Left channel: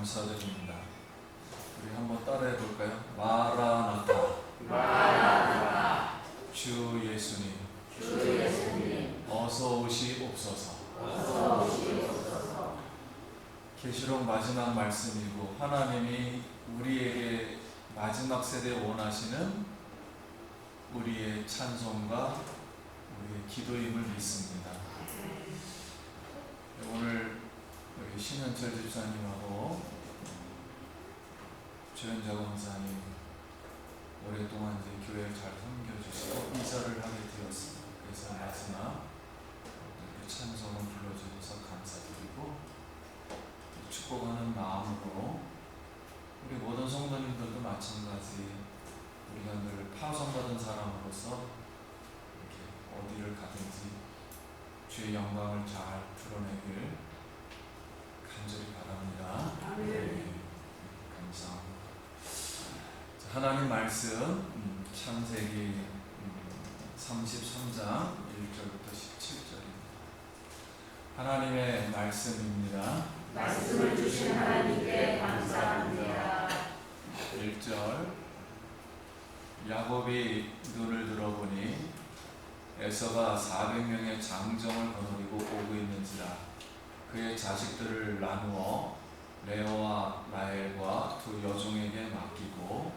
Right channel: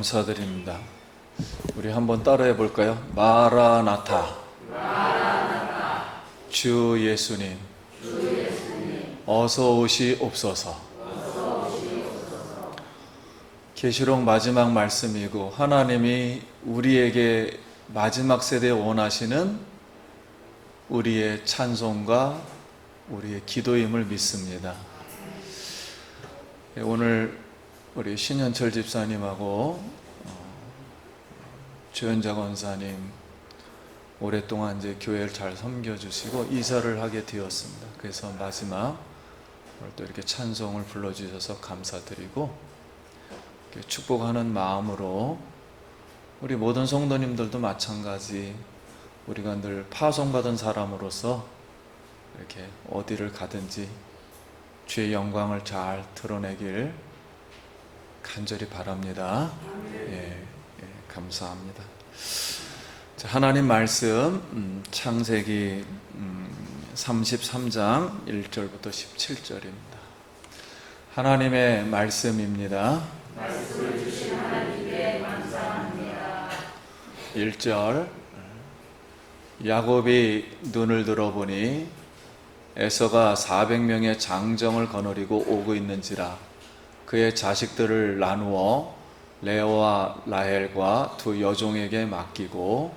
감사드립니다. 우리 한번 따라해 볼까요? 마라나타. 주 예수님. 어서 오시옵소서. 계시록 마지막 말씀이고 하나님이 우리에게 마지막 세대에 원하시는 우리의 찬송과 우리의 기도임을 믿습니다. 오늘 우리 신현철 집사님하고 주현자 권사님 오랫동안 이제 교회를 잘 섬겨주시고 이사를 하게 되었습니다. 그래서 마지막 또 이렇게 찬송을 불러주셔서 감사드리고 축복하는 마음으로 우리 모든 성도님들도 마찬가지 우리가 늘 파송받은 사람으로서 이렇게 어디를 가든지 주의 영광을 잘 드러내길 간절히 바랍니다. 감사합니다. 자, 하나님 말씀 창세기 33장 1절부터 17절입니다. 하나님의 말씀입니다. 말씀을 주신 하나님께 감사합니다. 1절 야곱이 눈을 들어보니 에서가 400명의 장정을 거느리고 오고 있는지라 그의 자식들을 나누어 레오와 라헬과 두 여종에게 맡기고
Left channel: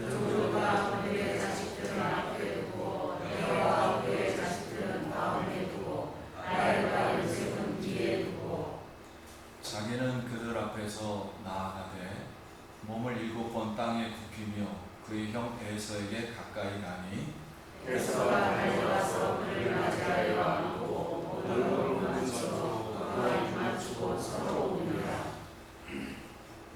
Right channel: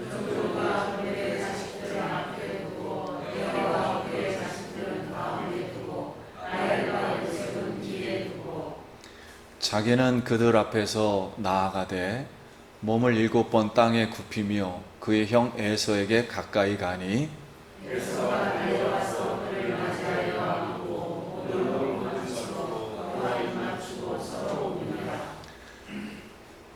여종과 그의 자식들을 앞에 두고 레오와 그의 자식들은 가운데 두고 라헬과 요셉은 뒤에 두고 자기는 그들 앞에서 나아가되 몸을 7번 땅에 굽히며 그의 형 에서에게 가까이 가니 에서가 달려와서 그를 맞이하여 안고 모든 몸을 만지고 그와 입맞추고 서로 옵니다.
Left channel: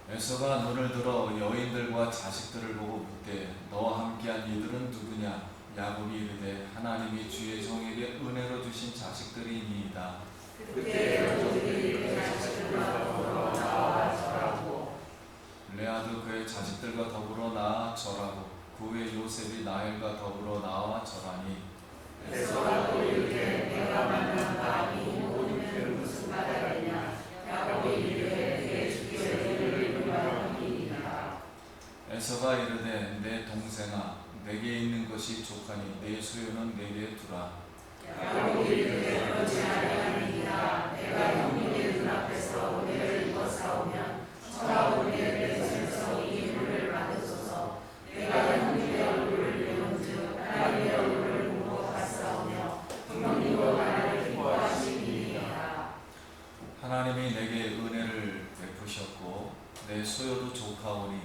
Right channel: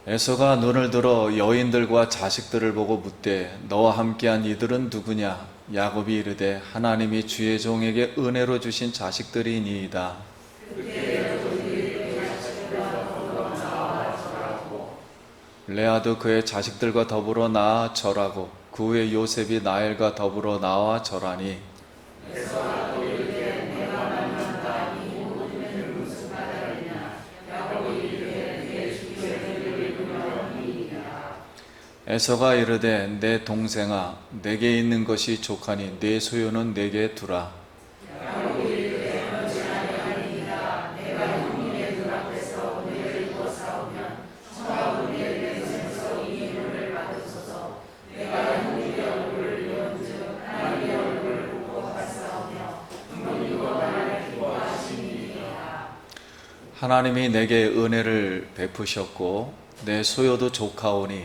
에서가 눈을 들어 여인들과 자식들을 보고 묻되 너와 함께한 이들은 누구냐? 야곱이 이르되 하나님이 주의 종에게 은혜로 주신 자식들이니이다. 그때 여종들이 그의 자식들과 더불어 나와 절하고 레아도 그의 자식들과 더불어 나아 절하고 그 후에 요셉이 라헬과 더불어 나와 절하니 에서가 또 이르되 내가 만난다 이 모든 애는 무슨 까닭이냐 야곱이 이르되 내 주께서 그를 인도하니이다. 에서가 이르되 내 동생아 내게 있는 것이 족하니 내 소유는 내게 두라. 야곱이 이르되 그렇지 아니하니이다. 내가 형님의 눈앞에서 은혜를 입어 싸우면 저와 우리의 맹세에서 이 은혜를 받으소서. 내가 형님의 얼굴을 비온즉 하나님의 얼굴을 보고 받사오며 형님도 나를 기뻐하시니이다. 하나님이 내게 은혜를 베푸셨고 내 소유도 족하오니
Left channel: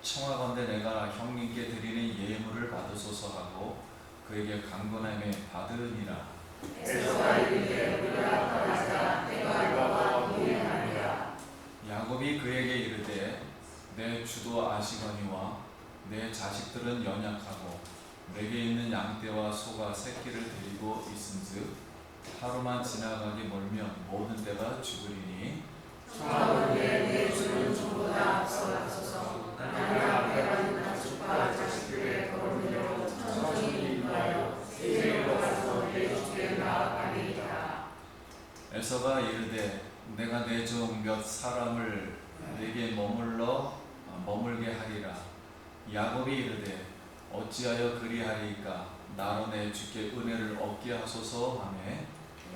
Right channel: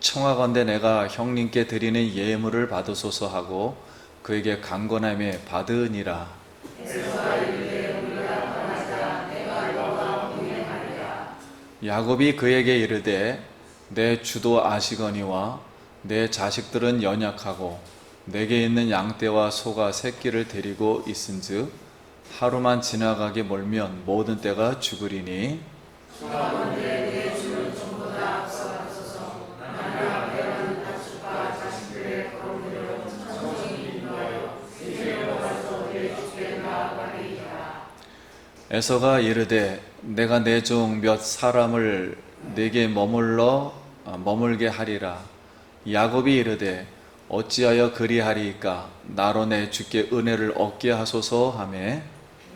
청하건대 내가 형님께 드리는 예물을 받으소서 하고 그에게 강건함에 받으니라. 에서가 이르되 우리가 떠나자 내가 너와 동행하리라. 야곱이 그에게 이르되 내 주도 아시거니와 내 자식들은 연약하고 내게 있는 양떼와 소가 새끼를 데리고 있은즉 하루만 지나가게 멀면 모든 떼가 죽으리니 청하건대 내 주는 전보다 앞서가소서. 나를 앞에 가는 가축과 자식들의 걸음으로 천천히 인도하여 이제로 가서 내 주께 나아가리이다. 에서가 이르되 내가 내 종 몇 사람을 내게 머물게 하리라. 야곱이 이르되 어찌하여 그리하리이까 나로 내 주께 은혜를 얻게 하소서 하매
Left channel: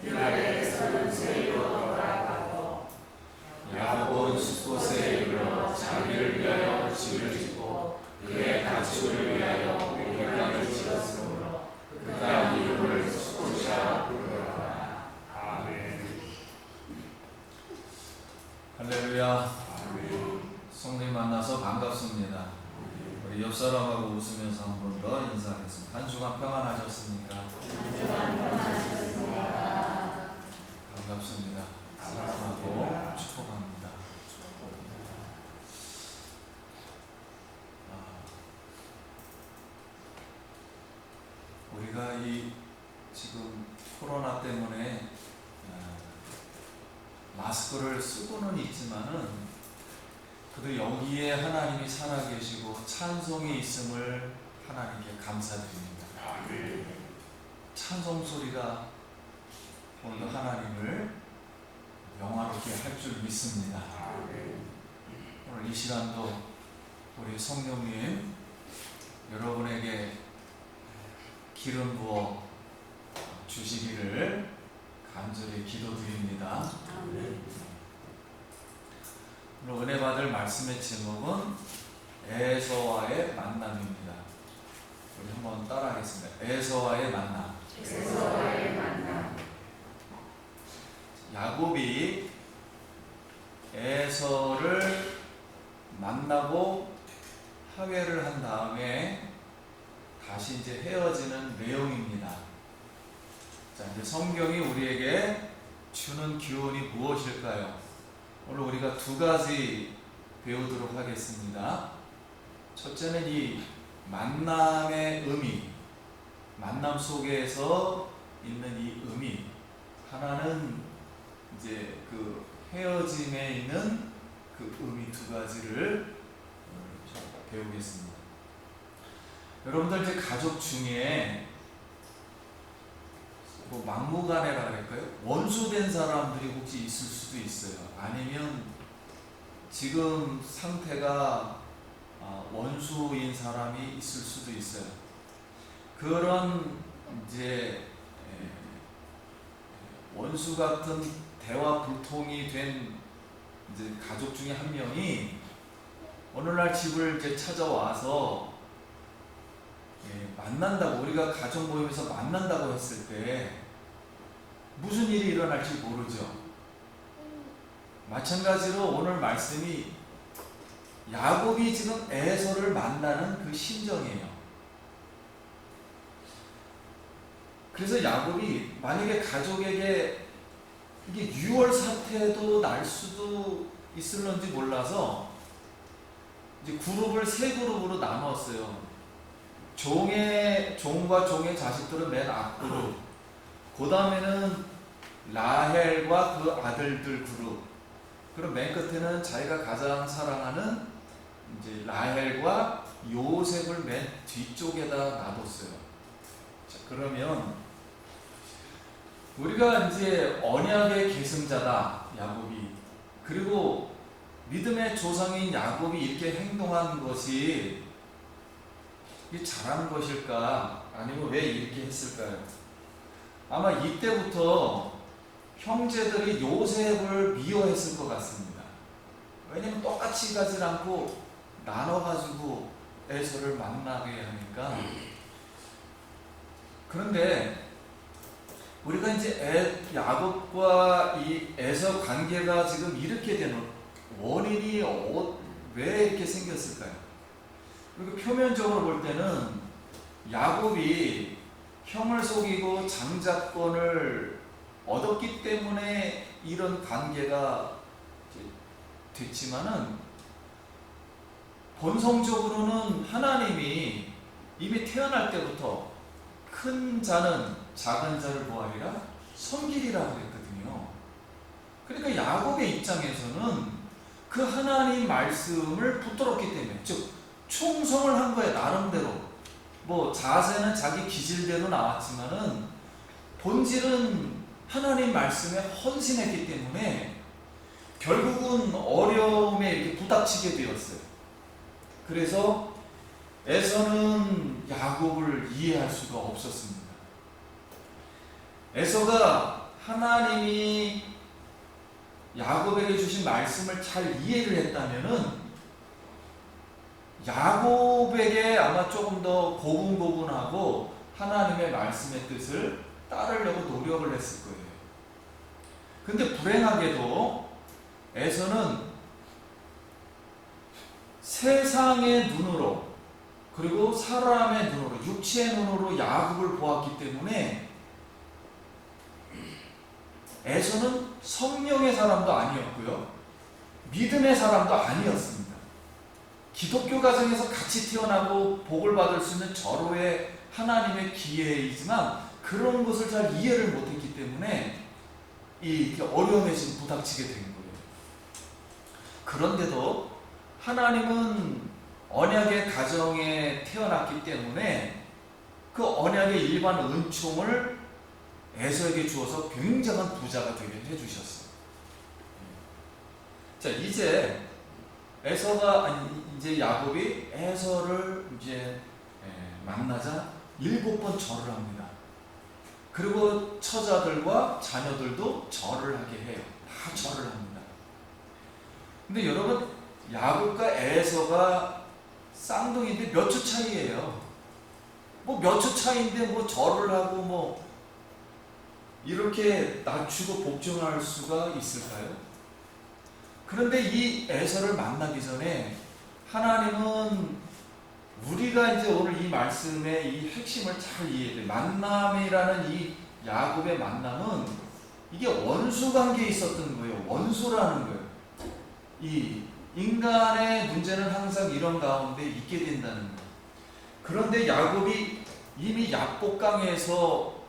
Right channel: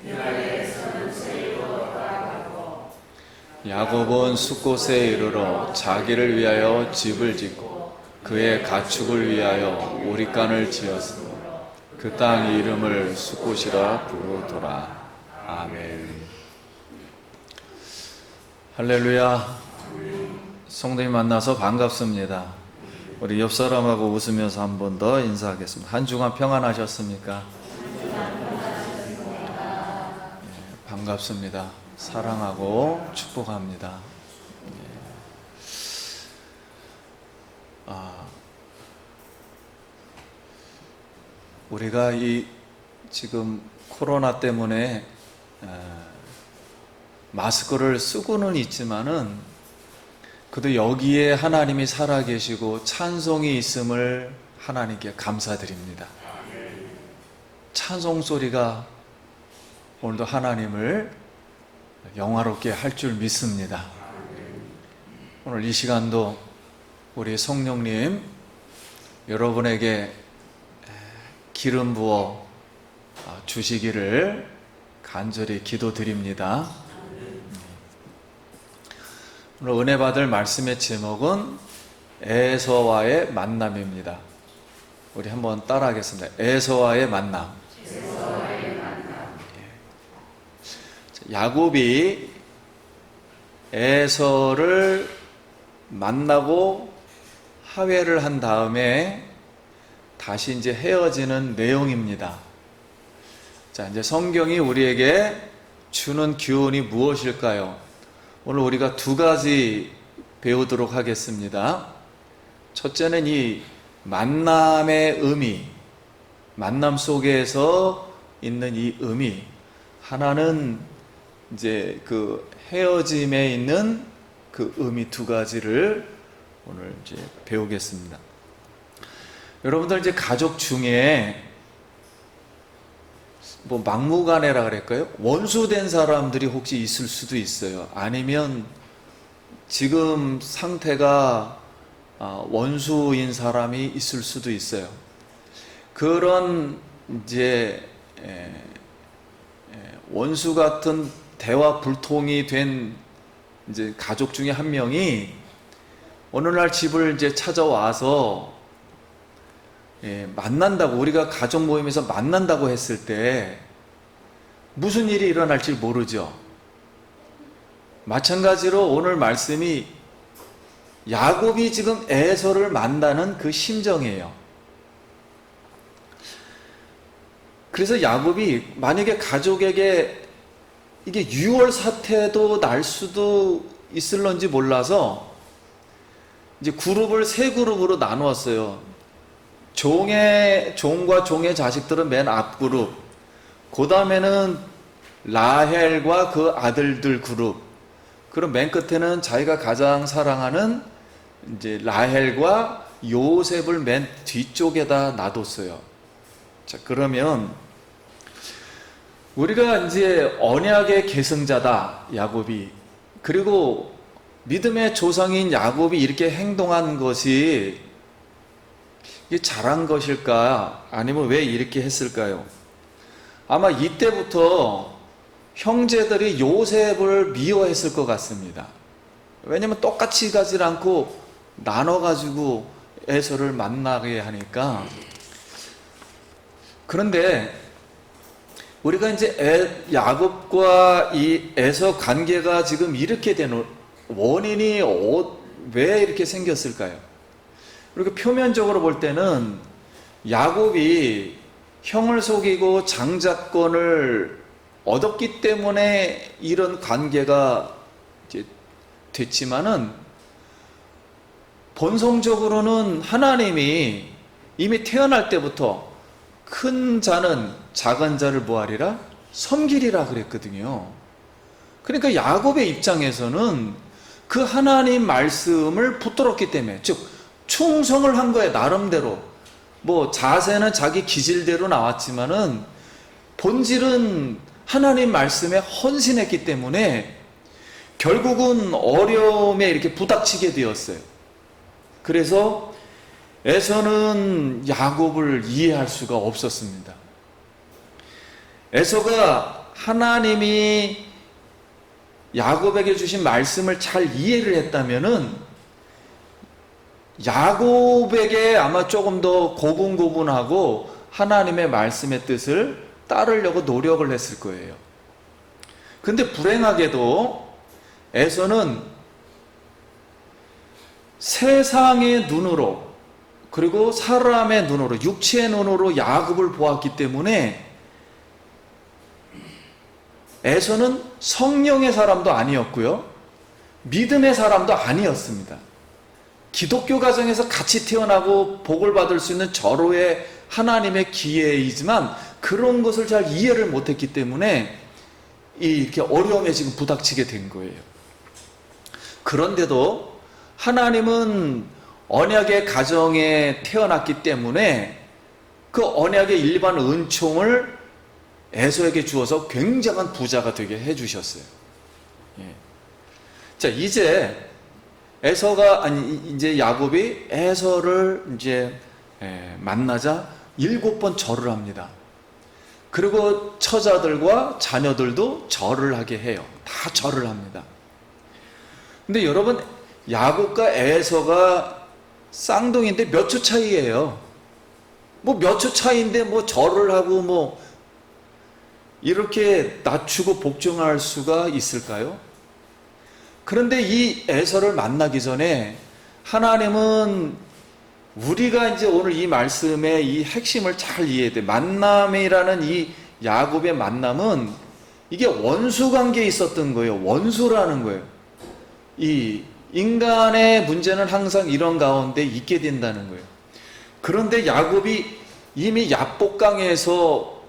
그날에 에서는 세이로 돌아가고 야곱은 숫곳에 이르러 자기를 위하여 집을 짓고 그의 가축을 위하여 우리간을 지었으므로 그 땅 이름을 숫곳이라 부르더라. 아멘. 할렐루야. 성도님 만나서 반갑습니다. 우리 옆 사람하고 웃으면서 한 번 더 인사하겠습니다. 한 주간 평안하셨습니까? 반갑습니다. 사랑하고 축복합니다. 우리가 이 지금 코로나 때문에 마스크를 쓰고는 있지만은 그래도 여기에 하나님이 살아계시고 찬송이 있음을 하나님께 감사드립니다. 찬송 소리가 오늘도 하나님을 영화롭게 할 줄 믿습니다. 오늘 이 시간도 우리 성령님 여러분에게 기름 부어 주시기를 간절히 기도드립니다. 오늘 은혜 받을 말씀의 제목은 에서와의 만남입니다. 우리 한번 따라하겠습니다. 에서와의 만남. 야곱이 에서를 만나고 화해를 한 다음에 다시 이제 헤어지는 내용입니다. 자, 이제 성경이 우리에게 주는 교훈이 무엇일까요? 오늘 우리가 두 가지 배우도록 하겠습니다. 첫째는 이 만남의 의미, 만남 속에서 있는 이 의미. 하나는 이제 그 헤어짐에 있는 그 의미 두 가지를 오늘 이제 배우겠습니다. 여러분들 이제 가족 중에 뭐 막무가내라 그럴까요? 원수된 사람들이 혹시 있을 수도 있어요. 아니면 지금 상태가 원수인 사람이 있을 수도 있어요. 그런 이제 원수 같은 대화 불통이 된 이제 가족 중에 한 명이 어느 날 집을 이제 찾아와서 만난다고, 우리가 가족 모임에서 만난다고 했을 때 무슨 일이 일어날지 모르죠. 마찬가지로 오늘 말씀이 야곱이 지금 에서를 만나는 그 심정이에요. 그래서 야곱이 만약에 가족에게 이게 유월 사태도 날 수도 있을런지 몰라서 이제 그룹을 세 그룹으로 나누었어요. 종과 종의 자식들은 맨 앞 그룹, 그 다음에는 라헬과 그 아들들 그룹, 그럼 맨 끝에는 자기가 가장 사랑하는 이제 라헬과 요셉을 맨 뒤쪽에다 놔뒀어요. 자, 그러면 우리가 이제 언약의 계승자다, 야곱이. 그리고 믿음의 조상인 야곱이 이렇게 행동한 것이 이게 잘한 것일까? 아니면 왜 이렇게 했을까요? 아마 이때부터 형제들이 요셉을 미워했을 것 같습니다. 왜냐면 똑같이 가지 않고 나눠가지고 에서를 만나게 하니까. 그런데 우리가 이제 야곱과 이 에서 관계가 지금 이렇게 되는 원인이 왜 이렇게 생겼을까요? 그리고 표면적으로 볼 때는 야곱이 형을 속이고 장자권을 얻었기 때문에 이런 관계가 이제 됐지만은 본성적으로는 하나님이 이미 태어날 때부터 큰 자는 작은 자를 뭐하리라? 섬기리라 그랬거든요. 그러니까 야곱의 입장에서는 그 하나님 말씀을 붙들었기 때문에, 즉 충성을 한 거예요. 나름대로. 뭐 자세는 자기 기질대로 나왔지만은 본질은 하나님 말씀에 헌신했기 때문에 결국은 어려움에 이렇게 부닥치게 되었어요. 그래서 에서는 야곱을 이해할 수가 없었습니다. 에서가 하나님이 야곱에게 주신 말씀을 잘 이해를 했다면은 야곱에게 아마 조금 더 고분고분하고 하나님의 말씀의 뜻을 따르려고 노력을 했을 거예요. 근데 불행하게도 에서는 세상의 눈으로, 그리고 사람의 눈으로, 육체의 눈으로 야곱을 보았기 때문에 에서는 성령의 사람도 아니었고요, 믿음의 사람도 아니었습니다. 기독교 가정에서 같이 태어나고 복을 받을 수 있는 절호의 하나님의 기회이지만 그런 것을 잘 이해를 못했기 때문에 이렇게 어려움에 지금 부닥치게 된 거예요. 그런데도 하나님은 언약의 가정에 태어났기 때문에 그 언약의 일반 은총을 에서에게 주어서 굉장한 부자가 되게 해주셨어요. 자, 이제 에서가 아니 이제 야곱이 에서를 이제 만나자 7번 절을 합니다. 그리고 처자들과 자녀들도 절을 하게 해요. 다 절을 합니다. 근데 여러분, 야곱과 에서가 쌍둥이인데 몇 초 차이예요. 뭐 몇 초 차이인데 뭐 절을 하고 뭐 이렇게 낮추고 복종할 수가 있을까요? 그런데 이 에서를 만나기 전에 하나님은 우리가 이제 오늘 이 말씀의 이 핵심을 잘 이해해야 돼. 만남이라는 이 야곱의 만남은 이게 원수 관계에 있었던 거예요. 원수라는 거예요. 이 인간의 문제는 항상 이런 가운데 있게 된다는 거예요. 그런데 야곱이 이미 야복강에서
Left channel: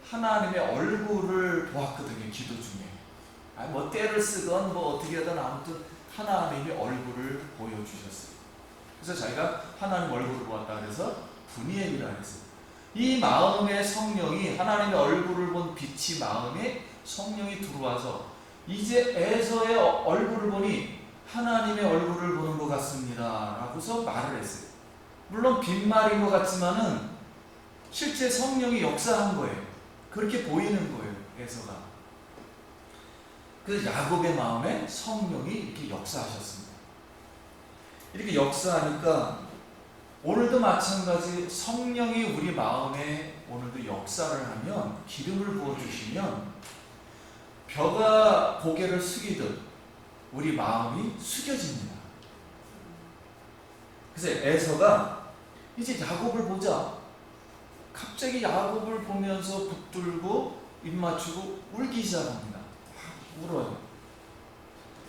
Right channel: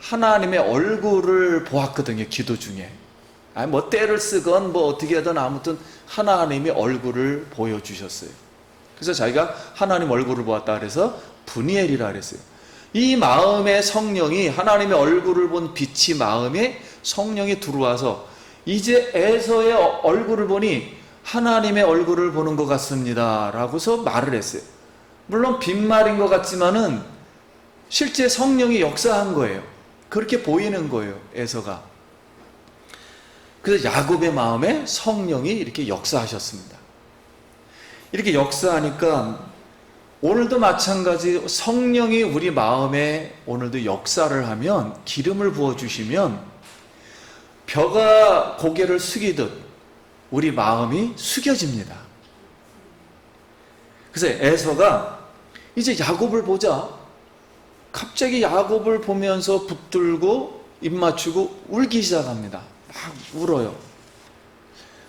하나님의 얼굴을 보았거든요. 기도 중에. 뭐 떼를 쓰건 뭐 어떻게 하든 아무튼 하나님의 얼굴을 보여주셨어요. 그래서 자기가 하나님 얼굴을 보았다 그래서 브니엘이라 그랬어요. 이 마음의 성령이, 하나님의 얼굴을 본 빛이 마음에 성령이 들어와서 이제 에서의 얼굴을 보니 하나님의 얼굴을 보는 것 같습니다 라고서 말을 했어요. 물론 빈말인 것 같지만은 실제 성령이 역사한 거예요. 그렇게 보이는 거예요, 에서가. 그래서 야곱의 마음에 성령이 이렇게 역사하셨습니다. 이렇게 역사하니까 오늘도 마찬가지 성령이 우리 마음에 오늘도 역사를 하면, 기름을 부어주시면 벼가 고개를 숙이듯 우리 마음이 숙여집니다. 그래서 에서가 이제 야곱을 보자. 갑자기 야곱을 보면서 붙들고 입 맞추고 울기 시작합니다. 막 울어요.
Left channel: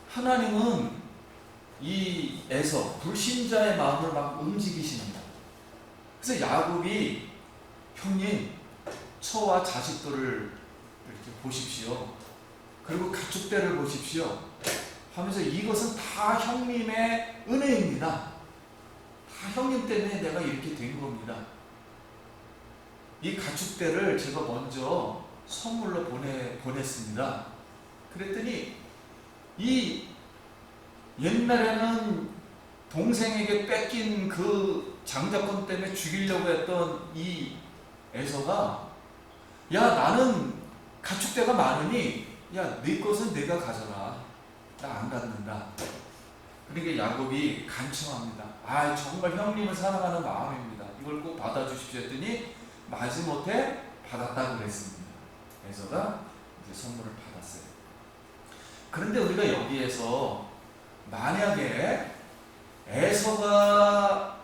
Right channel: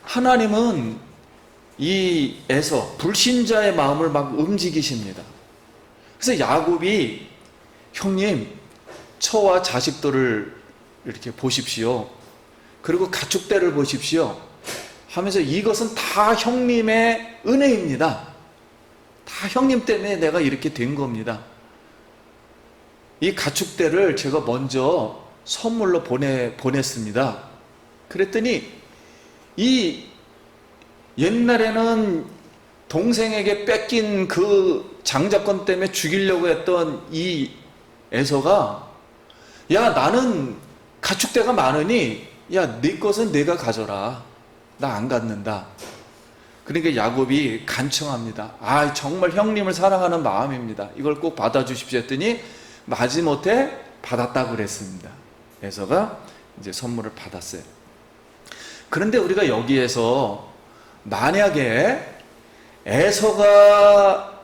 하나님은 이 에서 불신자의 마음을 막 움직이십니다. 그래서 야곱이 형님, 처와 자식들을 이렇게 보십시오. 그리고 가축대를 보십시오. 하면서 이것은 다 형님의 은혜입니다. 다 형님 때문에 내가 이렇게 된 겁니다. 이 가축대를 제가 먼저 선물로 보냈습니다. 그랬더니 이 옛날에는 동생에게 뺏긴 그 장자권 때문에 죽이려고 했던 이 에서가, 야, 나는 가축대가 많으니 야, 네 것은 네가 가져라. 나 안 갖는다. 그러니까 야곱이 간청합니다. 아, 정말 형님을 사랑하는 마음입니다. 이걸 꼭 받아주십시오 했더니 마지못해 받았다고 그랬습니다. 에서가 이제 선물을 받았어요. 그런데 우리가 여기에서 만약에 에서가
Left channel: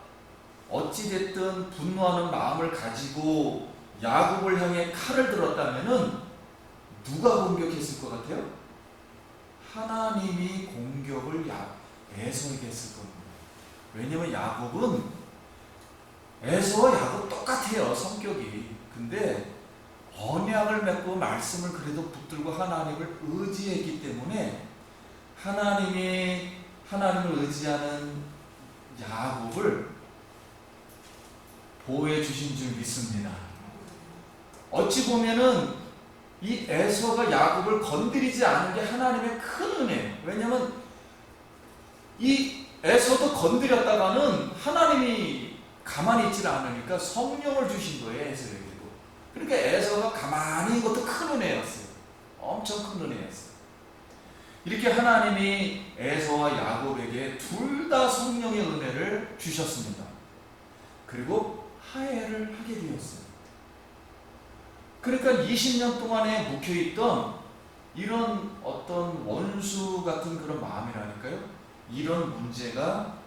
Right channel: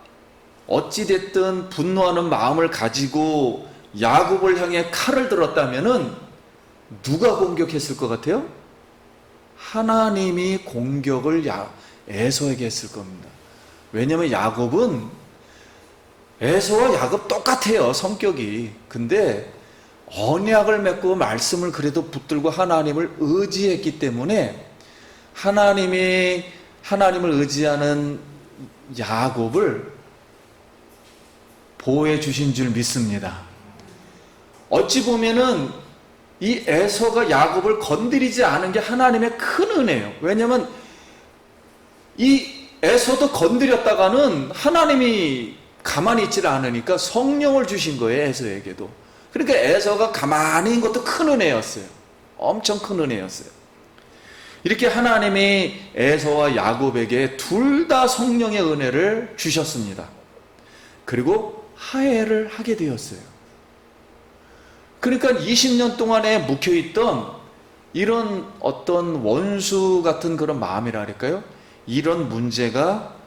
어찌됐든 분노하는 마음을 가지고 야곱을 향해 칼을 들었다면은 누가 공격했을 것 같아요? 하나님이 공격을 에서에게 했을 겁니다. 왜냐하면 야곱은 에서와 야곱 똑같아요, 성격이. 근데 언약을 맺고 말씀을 그래도 붙들고 하나님을 의지했기 때문에 하나님을 의지하는 야곱을 보호해 주신 줄 믿습니다. 어찌 보면은 이 에서가 야곱을 건드리지 않은 게 하나님의 큰 은혜예요. 왜냐하면 이 에서도 건드렸다가는 하나님이 가만히 있질 않으니까 성령을 주신 거예요, 에서에게도. 그러니까 에서가 가만히 있는 것도 큰 은혜였어요. 엄청 큰 은혜였어요. 이렇게 하나님이 에서와 야곱에게 둘 다 성령의 은혜를 주셨습니다. 그리고 화해를 하게 되었어요. 그러니까 20년 동안에 묵혀있던 이런 어떤 원수 같은 그런 마음이라 할까요? 이런 문제가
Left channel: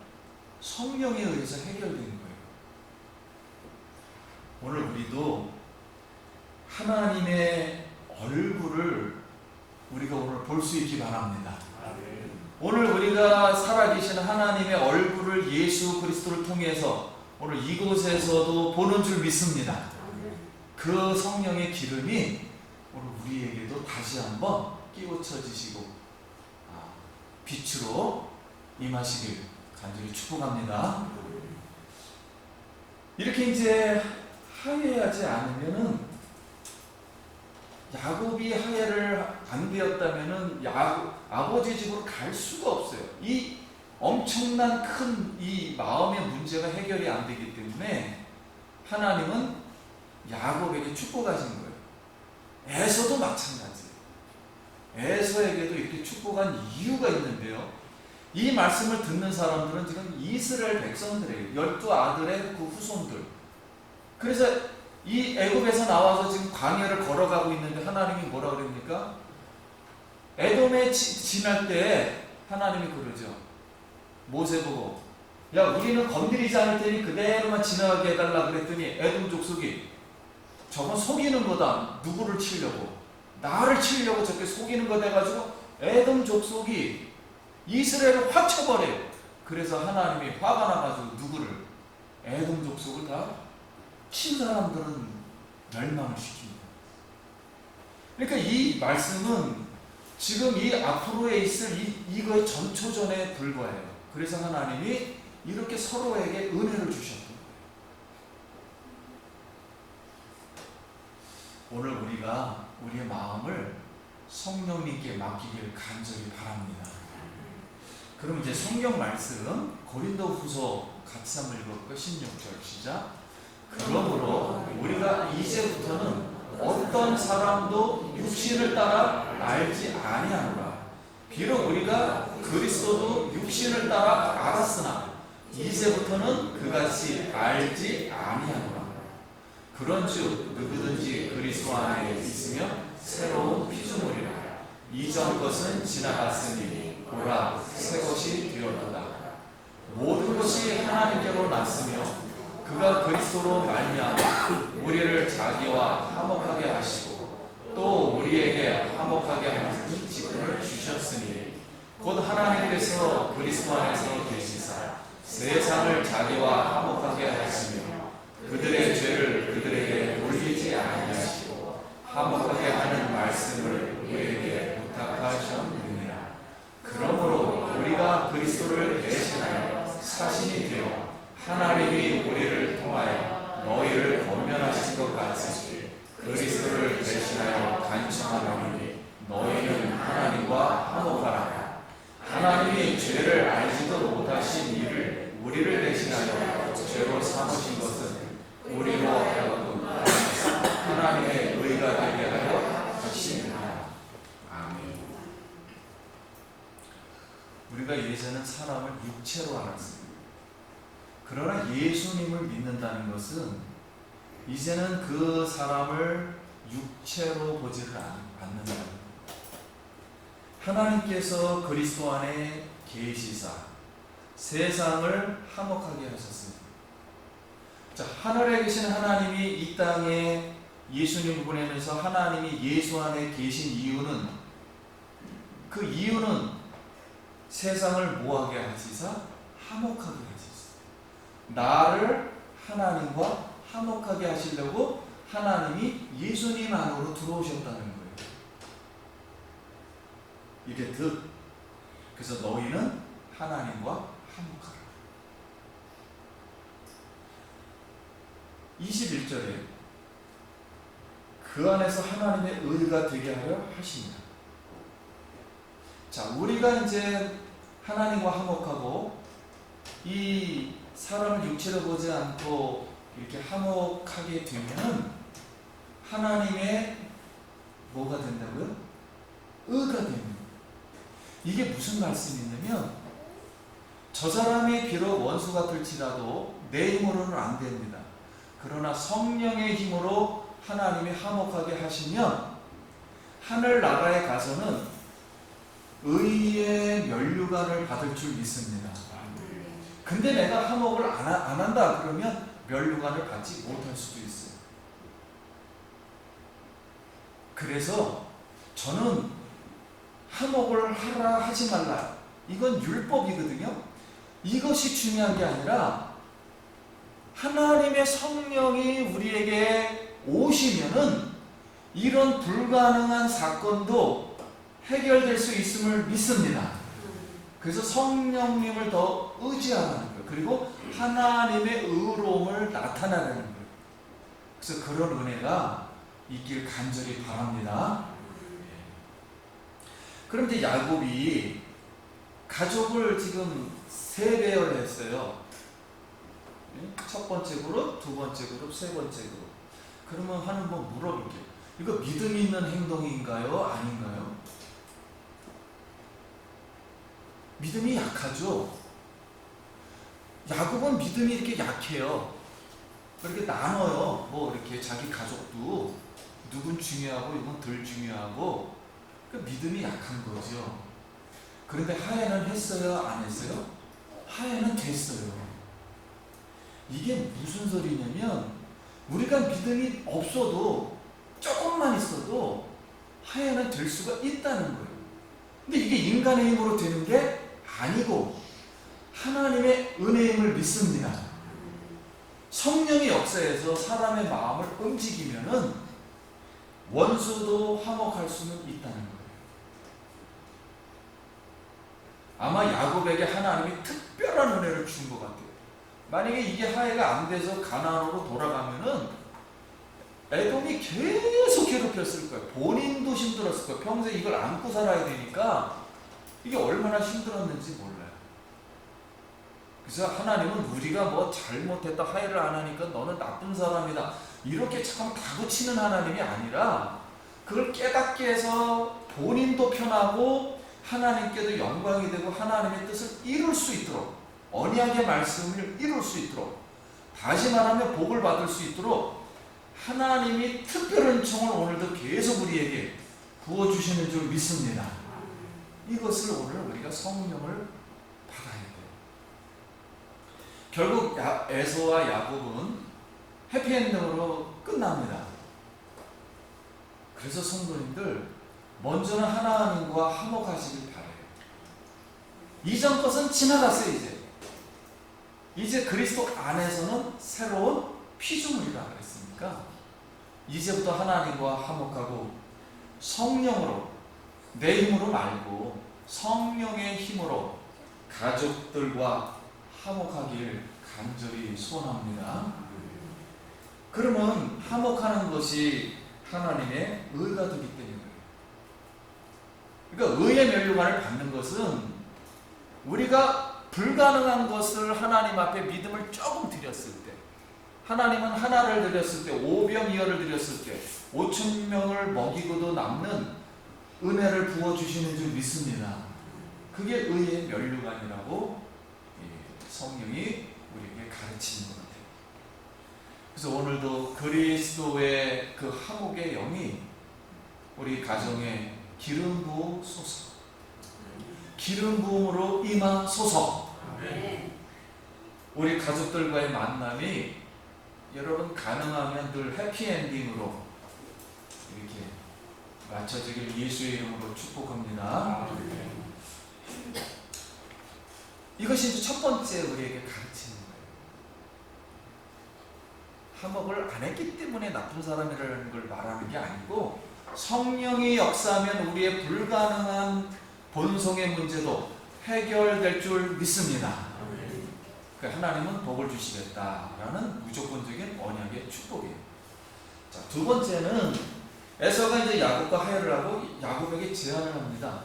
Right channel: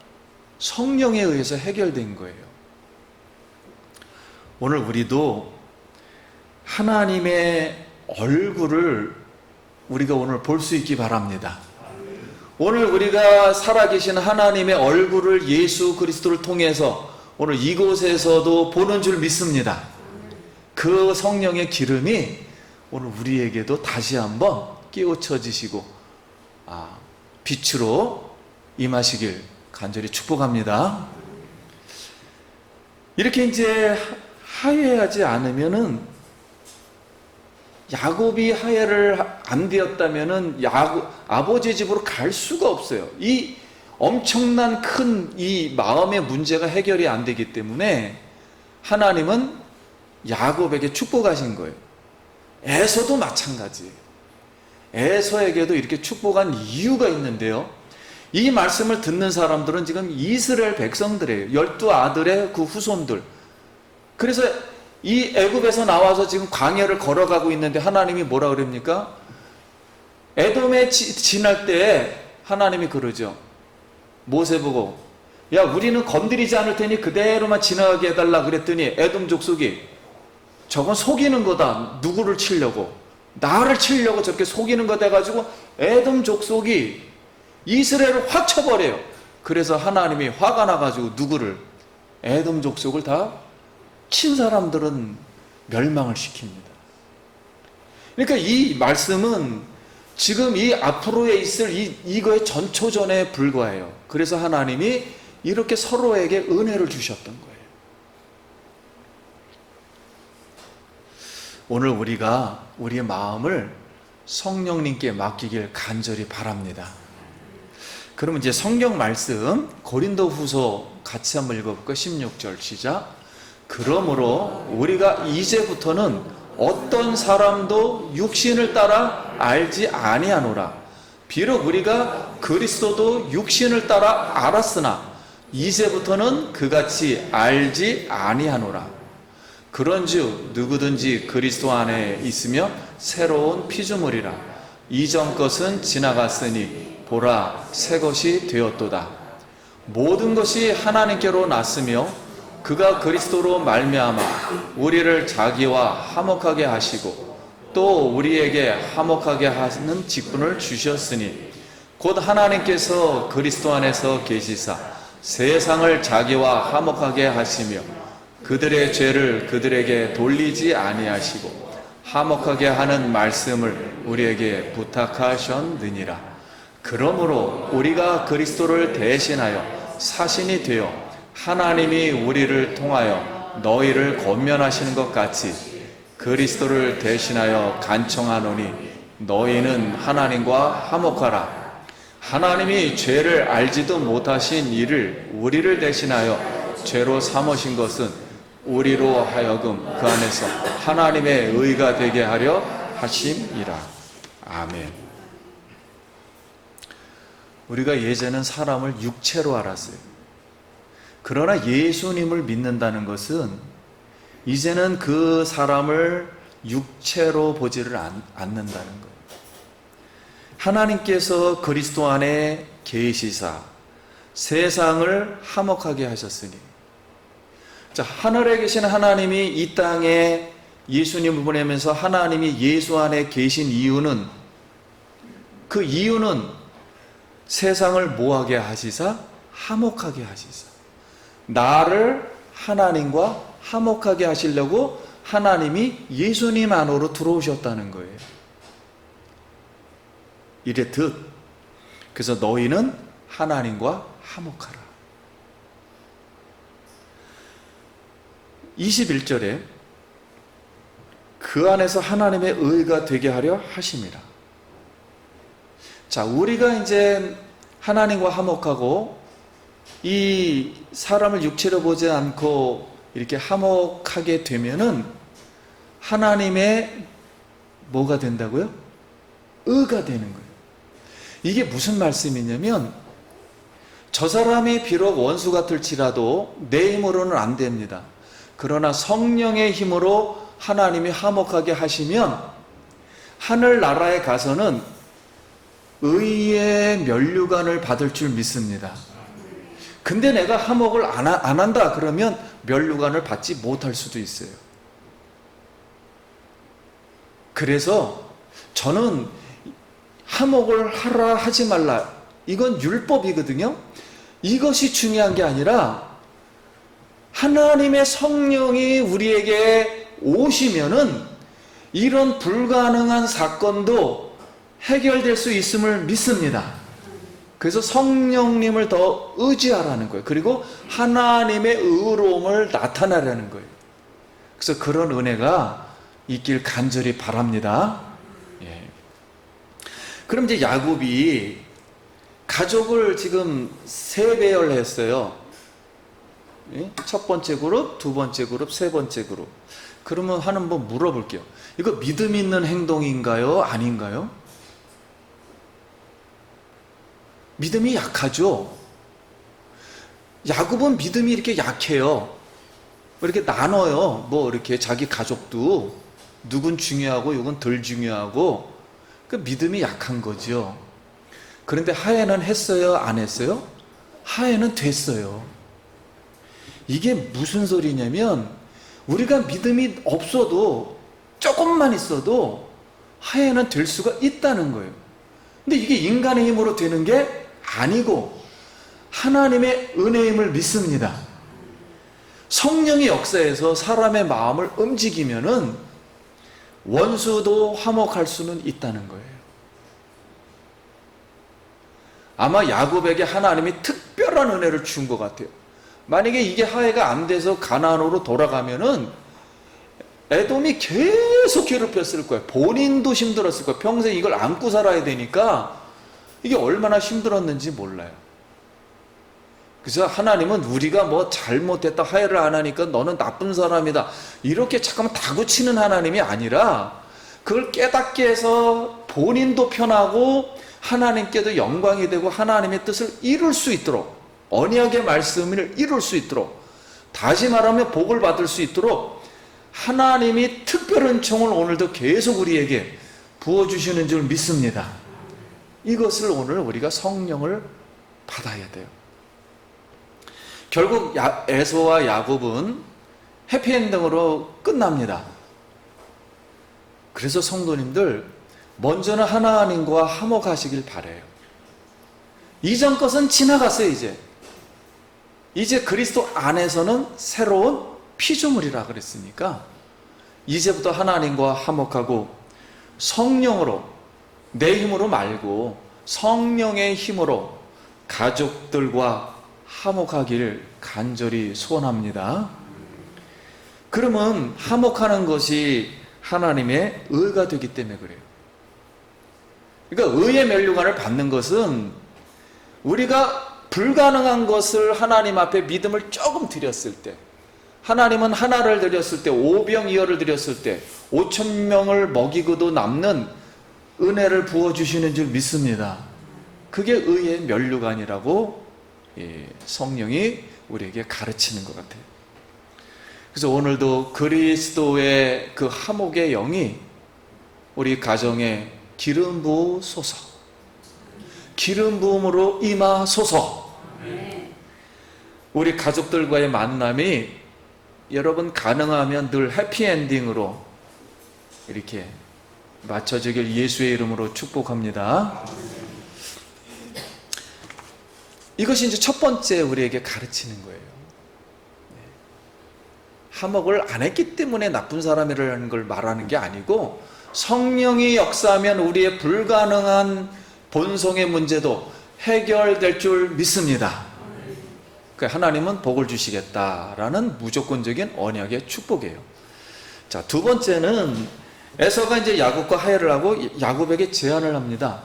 성령에 의해서 해결된 거예요. 오늘 우리도 하나님의 얼굴을 우리가 오늘 볼 수 있기 바랍니다. 오늘 우리가 살아계신 하나님의 얼굴을 예수 그리스도를 통해서 오늘 이곳에서도 보는 줄 믿습니다. 그 성령의 기름이 오늘 우리에게도 다시 한번 깨우쳐 지시고 빛으로 임하시길 간절히 축복합니다. 이렇게 이제 화해하지 않으면은, 야곱이 화해를 안 되었다면은 아버지 집으로 갈 수가 없어요. 이 엄청난 큰 이 마음의 문제가 해결이 안 되기 때문에 하나님은 야곱에게 축복하신 거예요. 에서도 마찬가지예요. 에서에게도 이렇게 축복한 이유가 있는데요. 이 말씀을 듣는 사람들은 지금 이스라엘 백성들이에요. 12아들의 그 후손들. 그래서 이 애굽에서 나와서 지금 광야를 걸어가고 있는데 하나님이 뭐라 그럽니까? 에돔에 지날 때에 하나님이 그러죠. 모세 보고, 야, 우리는 건드리지 않을 테니 그대로만 지나가게 해달라 그랬더니 에돔 족속이, 저건 속이는 거다. 누구를 치려고? 나를 치려고 저렇게 속이는 거 돼가지고 에돔 족속이 이스라엘을 확 쳐버려요. 그래서 하나님이 화가 나가지고 누구를? 에돔 족속을 다 친 사람들은 멸망을 시킵니다. 그러니까 이 말씀은 지금 이 앞으로에 있을 이거의 전초전에 불과해요. 그래서 하나님이 이렇게 서로에게 은혜를 주셨던 거예요. 오늘 우리가 우리의 마음을 성령님께 맡기길 간절히 바랍니다. 그럼 이제 성경 말씀 고린도후서 같이 한번 읽어볼까요? 16절 시작. 그러므로 우리가 이제부터는 어떤 사람도 육신을 따라 알지 아니하노라. 비록 우리가 그리스도도 육신을 따라 알았으나 이제부터는 그같이 알지 아니하노라. 그런즉 누구든지 그리스도 안에 있으며 새로운 피조물이라. 이전 것은 지나갔으니 보라 새 것이 되었도다. 모든 것이 하나님께로 났으며 그가 그리스도로 말미암아 우리를 자기와 화목하게 하시고 또 우리에게 화목하게 하는 직분을 주셨으니 곧 하나님께서 그리스도 안에서 계시사 세상을 자기와 화목하게 하시며 그들의 죄를 그들에게 돌리지 아니하시고 화목하게 하는 말씀을 우리에게 부탁하셨느니라. 그러므로 우리가 그리스도를 대신하여 사신이 되어 하나님이 우리를 통하여 너희를 권면하시는 것 같이 그리스도를 대신하여 간청하노니 너희는 하나님과 화목하라. 하나님이 죄를 알지도 못하신 이를 우리를 대신하여 죄로 삼으신 것은 우리로 하여금 그 안에서 하나님의 의가 되게 하려 하심이라. 아멘. 우리가 예전엔 사람을 육체로 알았어요. 그러나 예수님을 믿는다는 것은 이제는 그 사람을 육체로 보지를 않는다는 것. 하나님께서 그리스도 안에 계시사 세상을 화목하게 하셨으니, 자, 하늘에 계신 하나님이 이 땅에 예수님을 보내면서 하나님이 예수 안에 계신 이유는, 그 이유는 세상을 뭐하게 하시사? 화목하게 하시사. 나를 하나님과 화목하게 하시려고 하나님이 예수님 안으로 들어오셨다는 거예요. 이랬듯 그래서 너희는 하나님과 화목하라. 21절에 그 안에서 하나님의 의가 되게 하려 하심이라. 자, 우리가 이제 하나님과 화목하고 이 사람을 육체로 보지 않고 이렇게 화목하게 되면은 하나님의 뭐가 된다고요? 의가 되는 거예요. 이게 무슨 말씀이냐면, 저 사람이 비록 원수 같을지라도 내 힘으로는 안 됩니다. 그러나 성령의 힘으로 하나님이 화목하게 하시면 하늘나라에 가서는 의의 면류관을 받을 줄 믿습니다. 근데 내가 화목을 안 한다 그러면 면류관을 받지 못할 수도 있어요. 그래서 저는 화목을 하라 하지 말라, 이건 율법이거든요. 이것이 중요한 게 아니라 하나님의 성령이 우리에게 오시면은 이런 불가능한 사건도 해결될 수 있음을 믿습니다. 그래서 성령님을 더 의지하라는 거예요. 그리고 하나님의 의로움을 나타내라는 거예요. 그래서 그런 은혜가 있길 간절히 바랍니다. 예. 그럼 이제 야곱이 가족을 지금 세 배열했어요. 예? 첫 번째 그룹, 두 번째 그룹, 세 번째 그룹. 그러면 한번 물어볼게요. 이거 믿음 있는 행동인가요? 아닌가요? 믿음이 약하죠? 야곱은 믿음이 이렇게 약해요. 이렇게 나눠요. 뭐 이렇게 자기 가족도 누군 중요하고 누군 덜 중요하고 그 믿음이 약한 거죠. 그런데 하해는 했어요? 안 했어요? 하해는 됐어요. 이게 무슨 소리냐면 우리가 믿음이 없어도 조금만 있어도 하해는 될 수가 있다는 거예요. 근데 이게 인간의 힘으로 되는 게 아니고 하나님의 은혜임을 믿습니다. 성령의 역사에서 사람의 마음을 움직이면은 원수도 화목할 수는 있다는 거예요. 아마 야곱에게 하나님이 특별한 은혜를 준 것 같아요. 만약에 이게 하해가 안 돼서 가나안으로 돌아가면은 에돔이 계속 괴롭혔을 거예요. 본인도 힘들었을 거예요. 평생 이걸 안고 살아야 되니까 이게 얼마나 힘들었는지 몰라요. 그래서 하나님은 우리가 뭐 잘못했다 하해를 안 하니까 너는 나쁜 사람이다 이렇게 잠깐만 다그치는 하나님이 아니라 그걸 깨닫게 해서 본인도 편하고 하나님께도 영광이 되고 하나님의 뜻을 이룰 수 있도록 언약의 말씀을 이룰 수 있도록 다시 말하면 복을 받을 수 있도록 하나님이 특별한 총을 오늘도 계속 우리에게 부어주시는 줄 믿습니다. 이것을 오늘 우리가 성령을 받아야 돼요. 결국 에서와 야곱은 해피엔딩으로 끝납니다. 그래서 성도님들 먼저는 하나님과 화목하시길 바라요. 이전 것은 지나갔어요. 이제 그리스도 안에서는 새로운 피조물이라 그랬으니까 이제부터 하나님과 화목하고 성령으로 내 힘으로 말고 성령의 힘으로 가족들과 화목하기를 간절히 소원합니다. 그러면 화목하는 것이 하나님의 의가 되기 때문에 그래요. 그러니까 의의 면류관을 받는 것은 우리가 불가능한 것을 하나님 앞에 믿음을 조금 드렸을 때, 하나님은 하나를 드렸을 때, 오병이어를 드렸을 때 5,000명을 먹이고도 남는 은혜를 부어주시는 줄 믿습니다. 그게 의의 면류관이라고 성령이 우리에게 가르치는 것 같아요. 그래서 오늘도 그리스도의 그 화목의 영이 우리 가정에 기름 부으소서, 기름 부음으로 임하소서. 우리 가족들과의 만남이 여러분 가능하면 늘 해피엔딩으로 이렇게 맞춰지길 예수의 이름으로 축복합니다. 이것이 이제 첫 번째 우리에게 가르치는 거예요. 화목을 안 했기 때문에 나쁜 사람이라는 걸 말하는 게 아니고 성령이 역사하면 우리의 불가능한 본성의 문제도 해결될 줄 믿습니다. 그러니까 하나님은 복을 주시겠다라는 무조건적인 언약의 축복이에요. 자, 두 번째는 에서가 이제 야곱과 화해를 하고 야곱에게 제안을 합니다.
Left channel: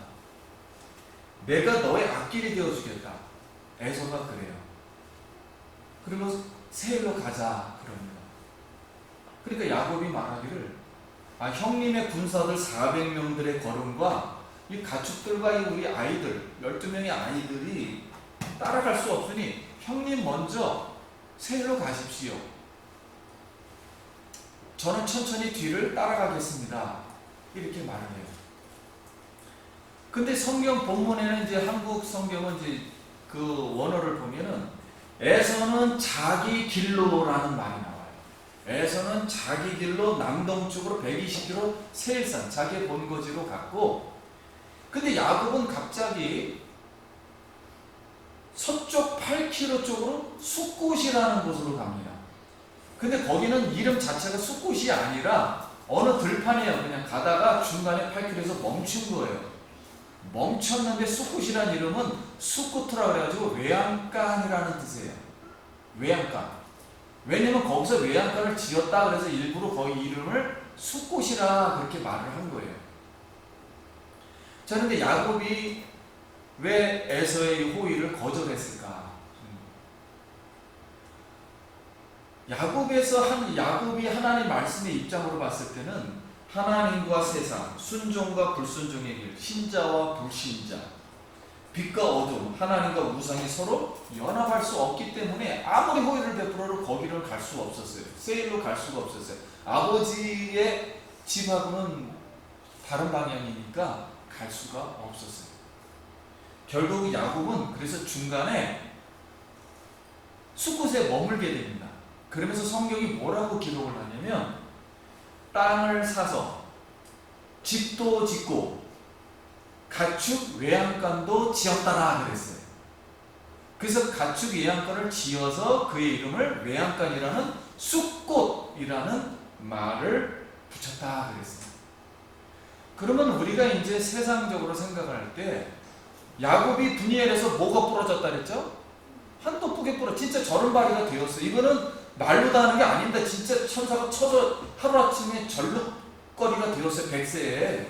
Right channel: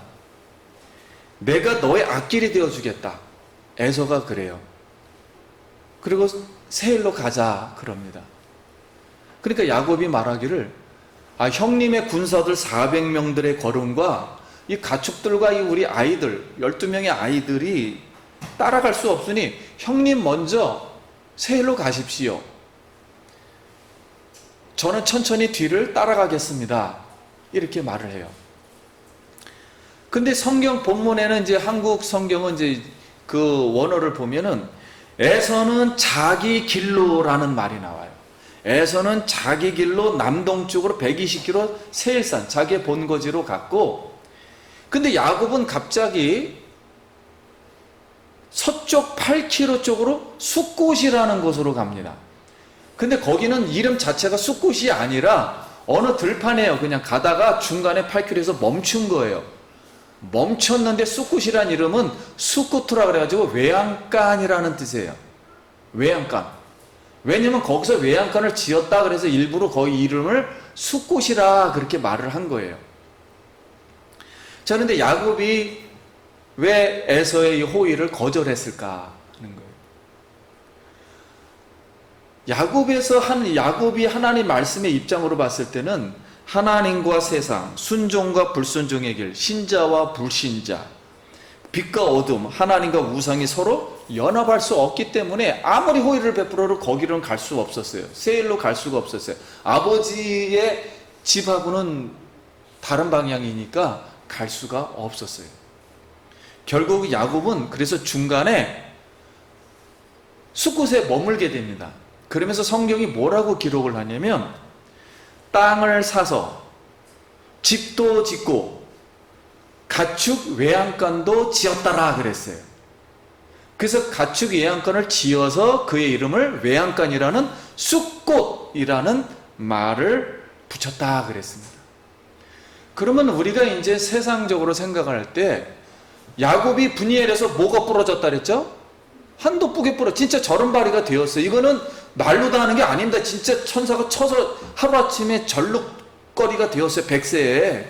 내가 너의 앞길이 되어주겠다. 에서가 그래요. 그리고 세일로 가자 그럽니다. 그러니까 야곱이 말하기를 형님의 군사들 400명들의 걸음과 이 가축들과 이 우리 아이들 12명의 아이들이 따라갈 수 없으니 형님 먼저 세일로 가십시오. 저는 천천히 뒤를 따라가겠습니다. 이렇게 말을 해요. 근데 성경 본문에는 이제 한국 성경은 이제 그 원어를 보면은 에서는 자기 길로라는 말이 나와요. 에서는 자기 길로 남동쪽으로 120km 세일산 자기의 본거지로 갔고, 근데 야곱은 갑자기 서쪽 8km 쪽으로 숫곳이라는 곳으로 갑니다. 근데 거기는 이름 자체가 숫곳이 아니라 어느 들판이에요. 그냥 가다가 중간에 8km에서 멈춘 거예요. 멈췄는데 숫곳이라는 이름은 숫코트라 그래가지고 외양간이라는 뜻이에요. 외양간. 왜냐면 거기서 외양간을 지었다 그래서 일부러 거기 이름을 숫곳이라 그렇게 말을 한 거예요. 자, 그런데 야곱이 왜 에서의 이 호의를 거절했을까 하는 거예요. 야곱이 하나님 말씀의 입장으로 봤을 때는 하나님과 세상, 순종과 불순종의 길, 신자와 불신자, 빛과 어둠, 하나님과 우상이 서로 연합할 수 없기 때문에 아무리 호의를 베풀어도 거기로는 갈 수 없었어요. 세일로 갈 수가 없었어요. 아버지의 집하고는 다른 방향이니까 갈 수가 없었어요. 결국 야곱은 그래서 중간에 숲곳에 머물게 됩니다. 그러면서 성경이 뭐라고 기록을 하냐면 땅을 사서 집도 짓고 가축 외양간도 지었다라 그랬어요. 그래서 가축 외양간을 지어서 그의 이름을 외양간이라는 숲곳이라는 말을 붙였다 그랬습니다. 그러면 우리가 이제 세상적으로 생각할 때 야곱이 분이엘에서 뭐가 부러졌다 그랬죠? 한도 뿌게 부러, 진짜 절름발이가 되었어요. 이거는 날로 다 하는 게 아닙니다. 진짜 천사가 쳐서 하루아침에 절룩거리가 되었어요. 100세에.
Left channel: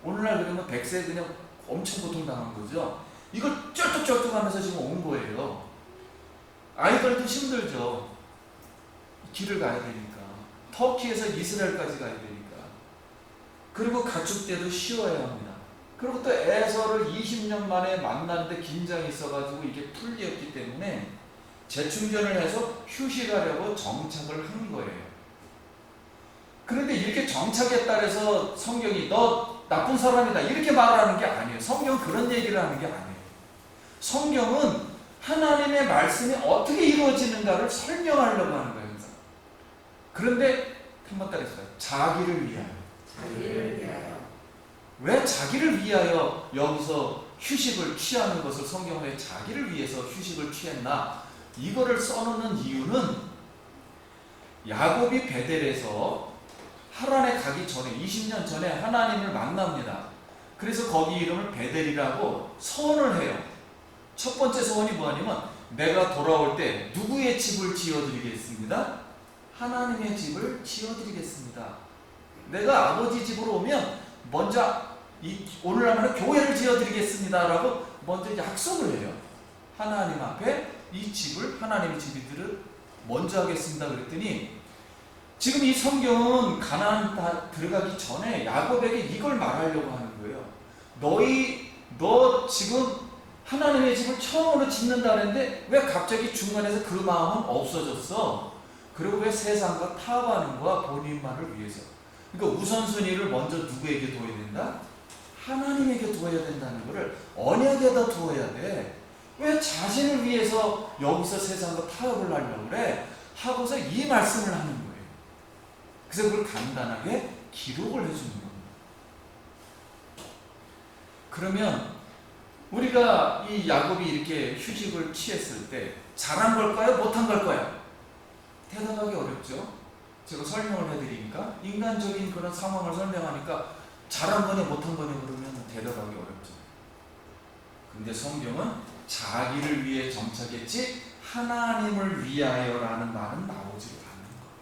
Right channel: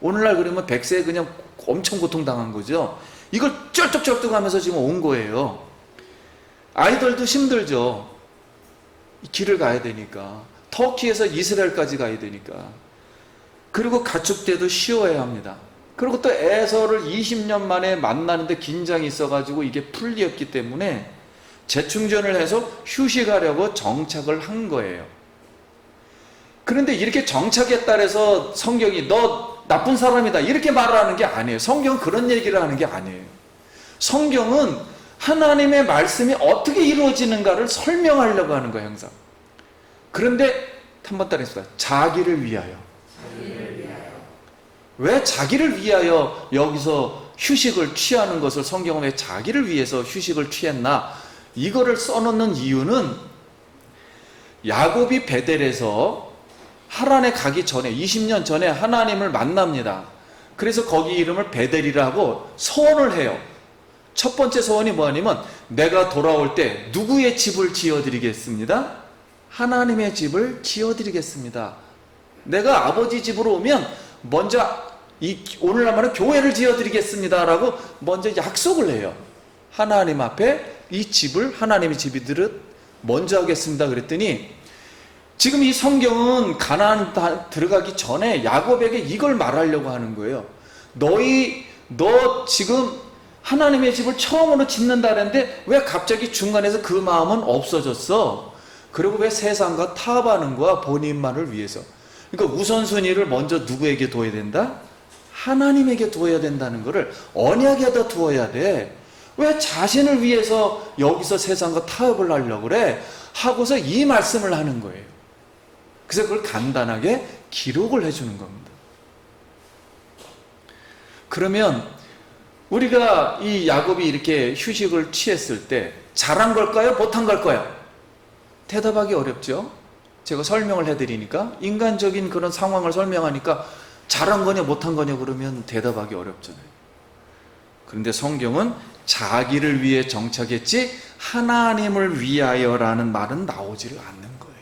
오늘날 그러면 100세에 그냥 엄청 고통당한 거죠. 이걸 쩔뚝쩔뚝 하면서 지금 온 거예요. 아이들도 힘들죠. 길을 가야 되니까. 터키에서 이스라엘까지 가야 되니까. 그리고 가축대도 쉬어야 합니다. 그리고 또 에서를 20년 만에 만나는데 긴장이 있어가지고 이게 풀리었기 때문에 재충전을 해서 휴식하려고 정착을 한 거예요. 그런데 이렇게 정착에 따라서 성경이 너 나쁜 사람이다 이렇게 말을 하는 게 아니에요. 성경은 그런 얘기를 하는 게 아니에요. 성경은 하나님의 말씀이 어떻게 이루어지는가를 설명하려고 하는 거예요. 항상. 그런데 한번 따라해보세요. 자기를 위하여. 왜 자기를 위하여 여기서 휴식을 취하는 것을 성경은 왜 자기를 위해서 휴식을 취했나? 이거를 써놓는 이유는 야곱이 베델에서 하란에 가기 전에 20년 전에 하나님을 만납니다. 그래서 거기 이름을 베델이라고 서원을 해요. 첫 번째 서원이 뭐냐면 내가 돌아올 때 누구의 집을 지어드리겠습니다? 하나님의 집을 지어드리겠습니다. 내가 아버지 집으로 오면 먼저 오늘날 말은 교회를 지어드리겠습니다 라고 먼저 약속을 해요. 하나님 앞에 이 집을 하나님의 집이들은 먼저 하겠습니다 그랬더니 지금 이 성경은 가나안 들어가기 전에 야곱에게 이걸 말하려고 하는 거예요. 너 지금 하나님의 집을 처음으로 짓는다는데 왜 갑자기 중간에서 그 마음은 없어졌어? 그리고 왜 세상과 타협하는 거야? 본인만을 위해서. 그러니까 우선순위를 먼저 누구에게 둬야 된다? 하나님에게 두어야 된다는 것을 언약에다 두어야 돼. 왜 자신을 위해서 여기서 세상과 타협을 하려고 그래? 하고서 이 말씀을 하는 거예요. 그래서 그걸 간단하게 기록을 해주는 겁니다. 그러면 우리가 이 야곱이 이렇게 휴식을 취했을 때 잘한 걸까요? 못한 걸까요? 대답하기 어렵죠. 제가 설명을 해드리니까 인간적인 그런 상황을 설명하니까 잘한 거냐 못한 거냐 그러면 대답하기 어렵잖아요. 그런데 성경은 자기를 위해 정착했지 하나님을 위하여라는 말은 나오지를 않는 거예요.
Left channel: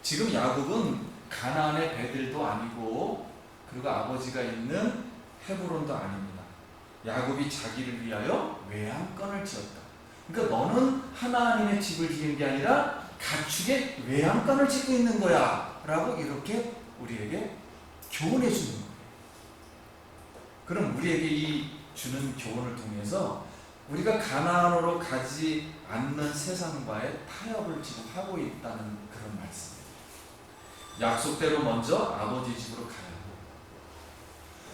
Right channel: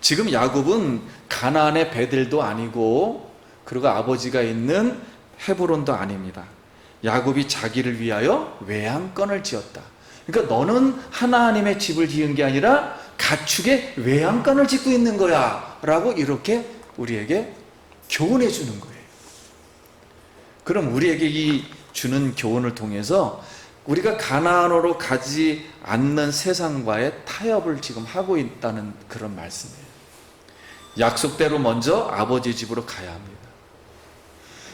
지금 야곱은 가나안의 베델도 아니고 그리고 아버지가 있는 헤브론도 아닙니다. 야곱이 자기를 위하여 외양간을 지었다. 그러니까 너는 하나님의 집을 지은 게 아니라 가축의 외양간을 짓고 있는 거야 라고 이렇게 우리에게 교훈해 주는 거예요. 그럼 우리에게 이 주는 교훈을 통해서 우리가 가나안으로 가지 않는 세상과의 타협을 지금 하고 있다는 그런 말씀이에요. 약속대로 먼저 아버지 집으로 가야 합니다.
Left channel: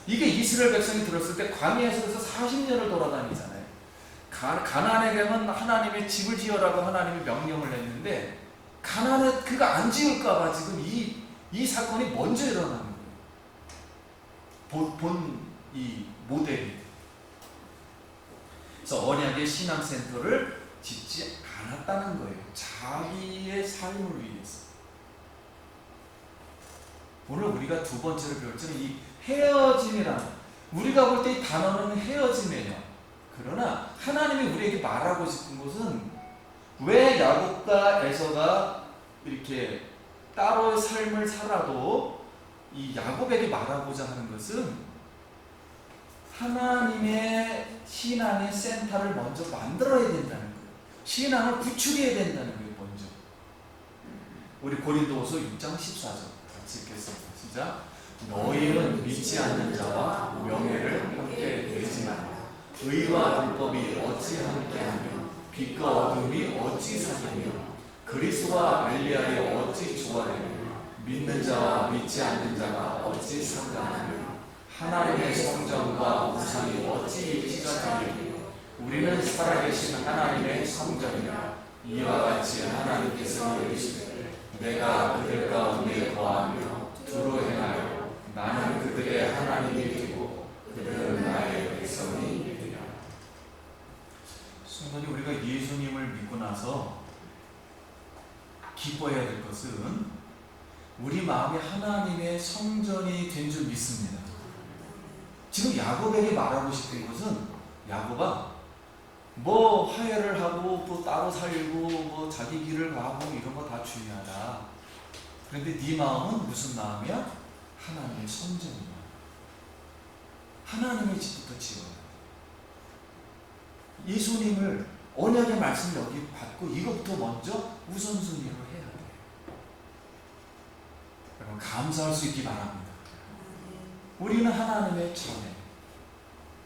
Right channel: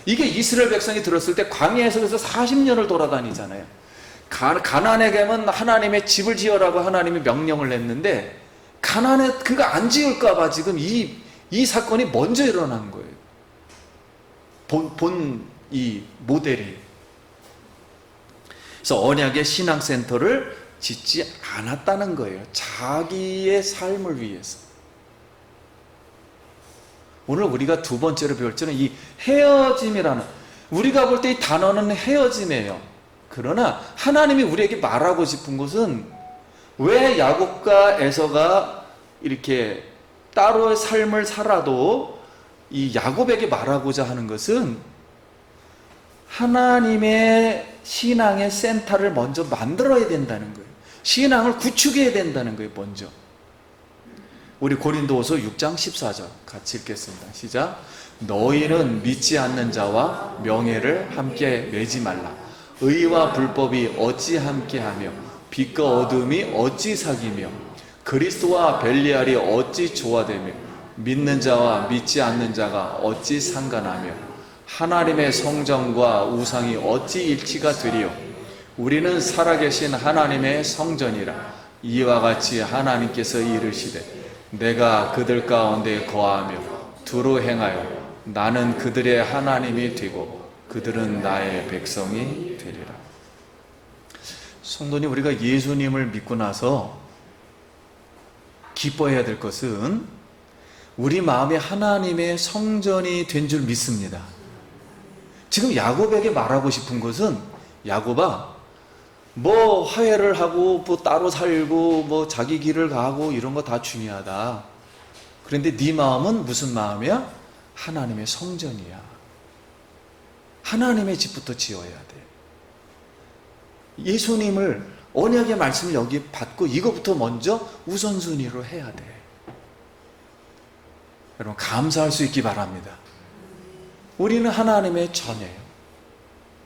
이게 이스라엘 백성이 들었을 때 광야에서 그래서 40년을 돌아다니잖아요. 가나안에 가면 하나님의 집을 지어라고 하나님이 명령을 냈는데 가나안에 그가 안 지을까 봐 지금 이 사건이 먼저 일어난 거예요. 이 모델이. 그래서 언약의 신앙센터를 짓지 않았다는 거예요. 자기의 삶을 위해서. 오늘 우리가 두 번째로 배울 점은 이 헤어짐이라는, 우리가 볼 때 이 단어는 헤어짐이에요. 그러나 하나님이 우리에게 말하고 싶은 것은 왜 야곱과 에서가 이렇게 따로의 삶을 살아도 이 야곱에게 말하고자 하는 것은 하나님의 신앙의 센터를 먼저 만들어야 된다는 거예요. 신앙을 구축해야 된다는 거예요. 먼저. 우리 고린도후서 6장 14절 같이 읽겠습니다. 시작. 너희는 믿지 않는 자와 명예를 함께 매지 말라. 의와 불법이 어찌 함께하며 빛과 어둠이 어찌 사귀며 그리스도와 벨리알이 어찌 조화되며 믿는 자와 믿지 않는 자가 어찌 상관하며 하나님의 성전과 우상이 어찌 일치가 되리요. 우리는 살아계신 하나님의 성전이라. 이와 같이 하나님께서 이르시되 내가 그들 가운데 거하며 두루 행하여 나는 그들의 하나님이 되고 그들은 나의 백성이 되리라. 성도님, 우리가 예수님을 믿고 나서 기뻐해야 될 것은 우리 마음이 하나님의 성전이 된 줄 믿습니다. 지금 야곱에게 말하고 싶은 것은, 야곱아, 뭐 화해를 하고 뭐 따로 살고 뭐 자기 길을 가고 이런 거 다 중요하다. 그런데 네 마음은 무슨 마음이야? 하나님의 성전이야. 하나님의 집부터 지어야 돼. 예수님을, 언약의 말씀을 여기 받고 이거부터 먼저 우선순위로 해야 돼. 여러분, 감사할 수 있기 바랍니다. 우리는 하나님의 자녀예요.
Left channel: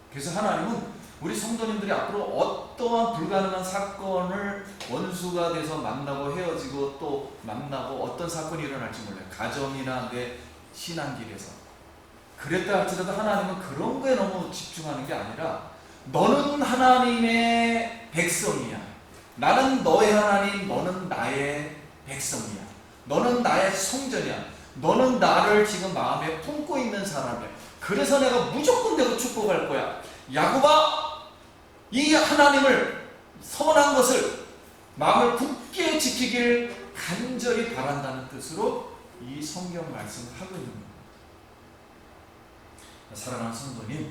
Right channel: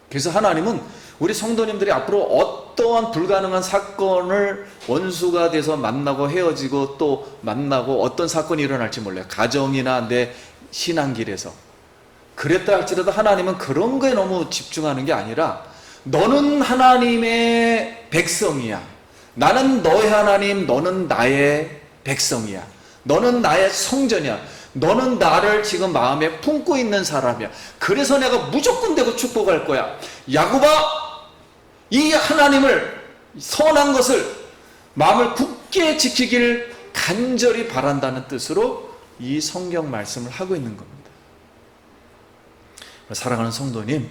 그래서 하나님은 우리 성도님들이 앞으로 어떠한 불가능한 사건을 원수가 돼서 만나고 헤어지고 또 만나고 어떤 사건이 일어날지 몰라요. 가정이나 내 신앙길에서. 그랬다 할지라도 하나님은 그런 거에 너무 집중하는 게 아니라 너는 하나님의 백성이야. 나는 너의 하나님, 너는 나의 백성이야. 너는 나의 성전이야. 너는 나를 지금 마음에 품고 있는 사람이야. 그래서 내가 무조건 되고 축복할 거야. 야곱아, 이 하나님을, 선한 것을 마음을 굳게 지키길 간절히 바란다는 뜻으로 이 성경 말씀을 하고 있는 겁니다. 사랑하는 성도님,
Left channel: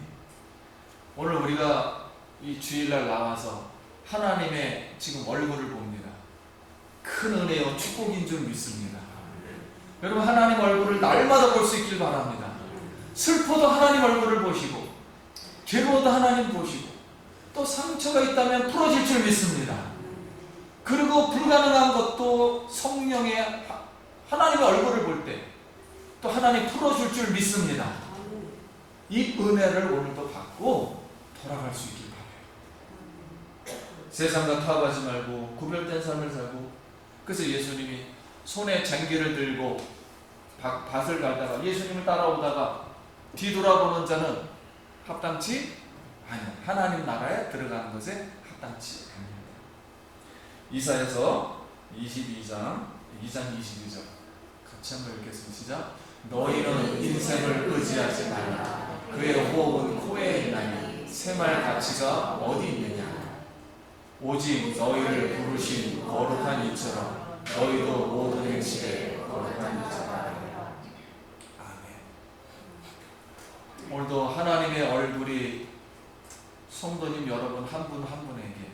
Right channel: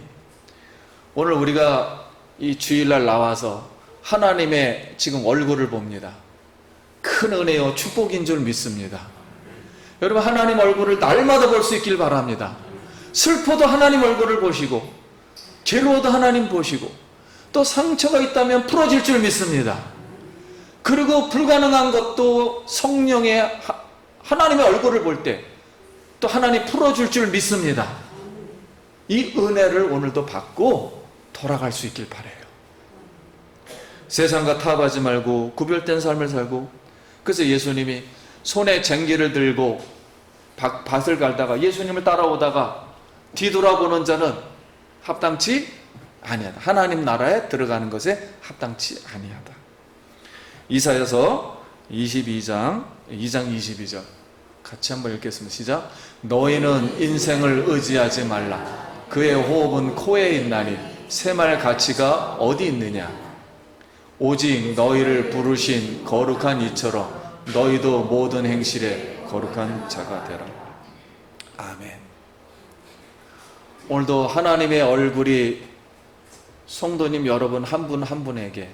오늘 우리가 이 주일날 나와서 하나님의 지금 얼굴을 봅니다. 큰 은혜요 축복인 줄 믿습니다. 여러분, 하나님 얼굴을 날마다 볼 수 있길 바랍니다. 슬퍼도 하나님 얼굴을 보시고, 괴로워도 하나님 보시고, 또 상처가 있다면 풀어질 줄 믿습니다. 그리고 불가능한 것도 성령의 하나님의 얼굴을 볼 때 또 하나님 풀어줄 줄 믿습니다. 이 은혜를 오늘도 받고 돌아갈 수 있길 바라요. 세상과 타협하지 말고 구별된 삶을 살고, 그래서 예수님이 손에 쟁기를 들고 밭을 갈다가 예수님을 따라오다가 뒤돌아보는 자는 합당치 아니하다. 하나님 나라에 들어가는 것에 합당치 아니하다. 이사야서 2장 22절 같이 한번 읽겠습니다. 시작. 너희는 인생을 의지하지 말라. 그의 호흡은 코에 있나니 새말 가치가 어디 있느냐. 오직 너희를 부르신 거룩한 이처럼 너희도 모든 행실에 거룩한 자가 되라. 아멘. 오늘도 하나님의 얼굴이 성도님 여러분 한 분 한 분에게,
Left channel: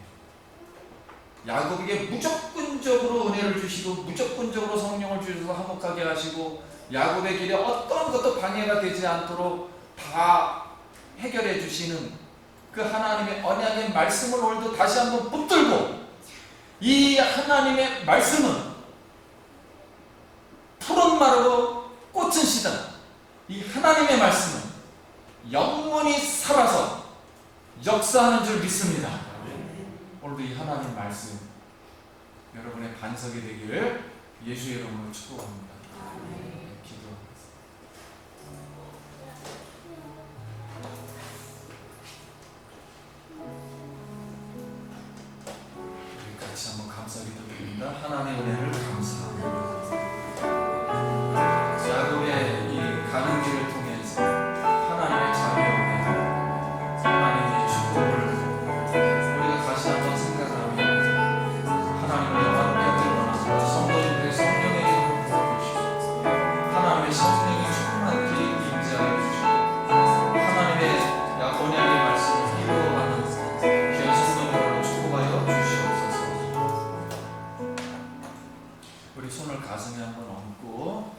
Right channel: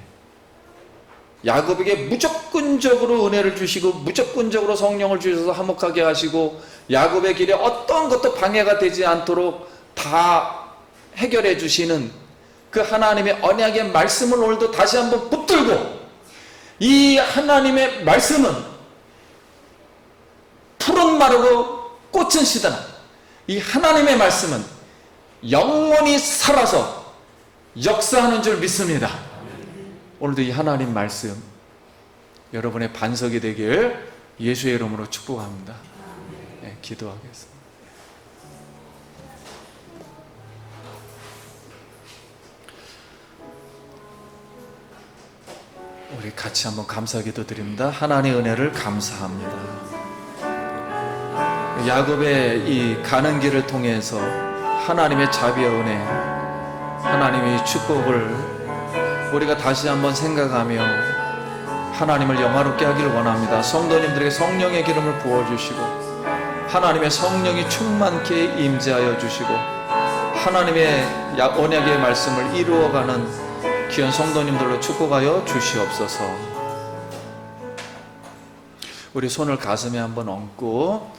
야곱에게 무조건적으로 은혜를 주시고 무조건적으로 성령을 주셔서 화목하게 하시고 야곱의 길에 어떤 것도 방해가 되지 않도록 다 해결해 주시는 그 하나님의 언약의 말씀을 오늘도 다시 한번 붙들고, 이 하나님의 말씀은 푸른 마르고 꽃은 시드나 이 하나님의 말씀은 영원히 살아서 역사하는 줄 믿습니다. 오늘도 이 하나님 말씀 여러분의 반석이 되길 예수의 이름으로 축복합니다. 네, 기도하겠습니다. 우리 같이 한번 감사기도 드립니다. 하나님의 은혜를 감사합니다. 야곱의 이 가는 길을 통해서 하나님의 자비와 은혜, 하나님의 축복을 우리가 다시 한번 생각하며 하나님을 영화롭게 하기를 원합니다. 성도님들에게 성령의 기름을 부어주시고 하나님의 성령이 충만케 임재하여 주시고 하나님의 언약의 말씀을 이루어가는 귀한 성도님들로 축복하여 주시옵소서. 우리 손을 가슴에 한번 얹고,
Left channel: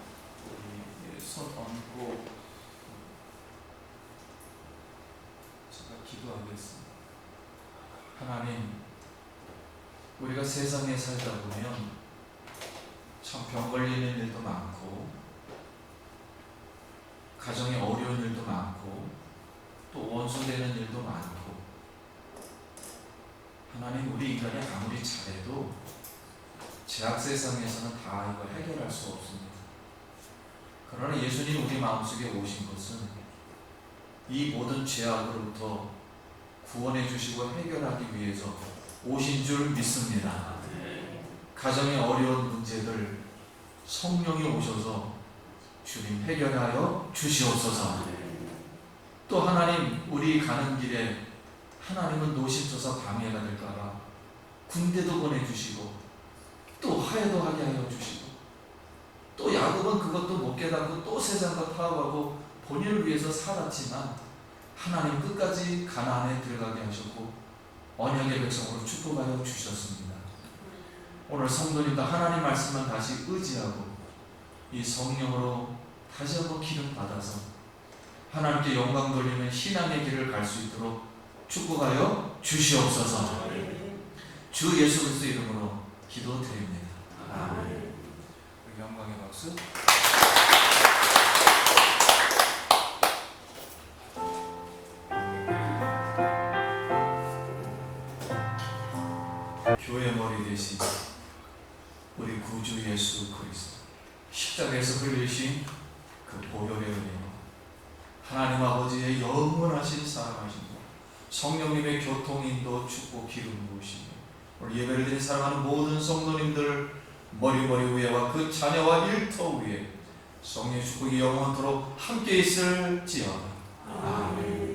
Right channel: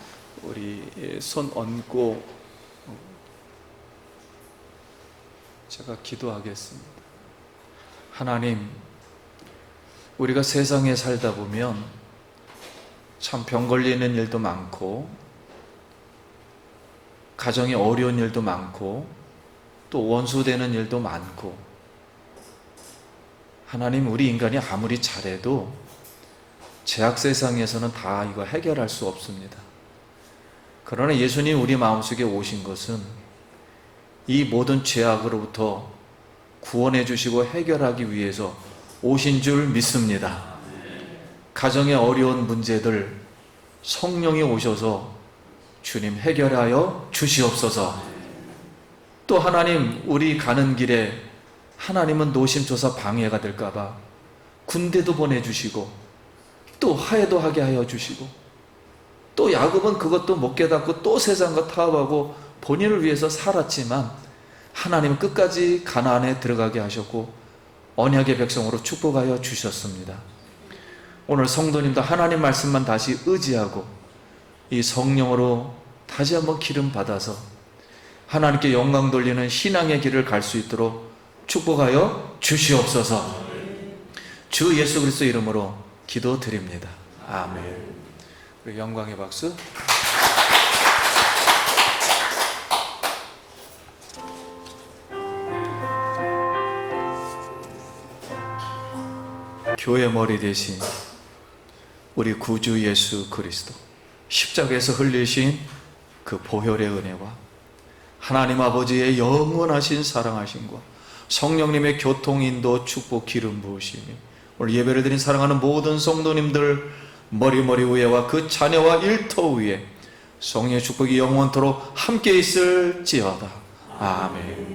우리 손 얹고 제가 기도하겠습니다. 하나님, 우리가 세상에 살다 보면 참 병 걸리는 일도 많고 가정에 어려운 일도 많고 또 원수되는 일도 많고, 하나님, 우리 인간이 아무리 잘해도 죄악 세상에서는 다 이거 해결할 수 없습니다. 그러나 예수님 우리 마음속에 오신 것은 이 모든 죄악으로부터 구원해 주시고 해결하기 위해서 오신 줄 믿습니다. 가정의 어려운 문제들 성령이 오셔서 주님 해결하여 주시옵소서. 또 하나님, 우리 가는 길에 하나님은 노심초사 방해가 될까봐 군대도 보내주시고 또 화해도 하게 하여 주시고, 또 야곱은 그것도 못 깨닫고 또 세상과 타협하고 본인을 위해서 살았지만 하나님은 끝까지 가나안에 들어가게 하셨고 언약의 백성으로 축복하여 주셨습니다. 오늘 성도님도 하나님 말씀만 다시 의지하고 이 성령으로 다시 한번 기름 받아서 하나님께 영광 돌리는 신앙의 길을 갈 수 있도록 축복하여 주시옵소서. 주 예수 그리스도 이름으로 기도드립니다. 아멘. 우리 영광의 박수. 교회 머리 대신 우리 구주 예수 그리스도, 십자가에서 흘리신 그 보혈의 은혜와 하나님 아버지의 영원하신 사랑하심과 성령님의 교통 인도 축복 기름 부으심이 오늘 예배를 드린 사랑하는 모든 성도님들 머리 위에와 그 자녀와 일터 위에 성령의 축복이 영원토록 함께 있을지어다. 아멘.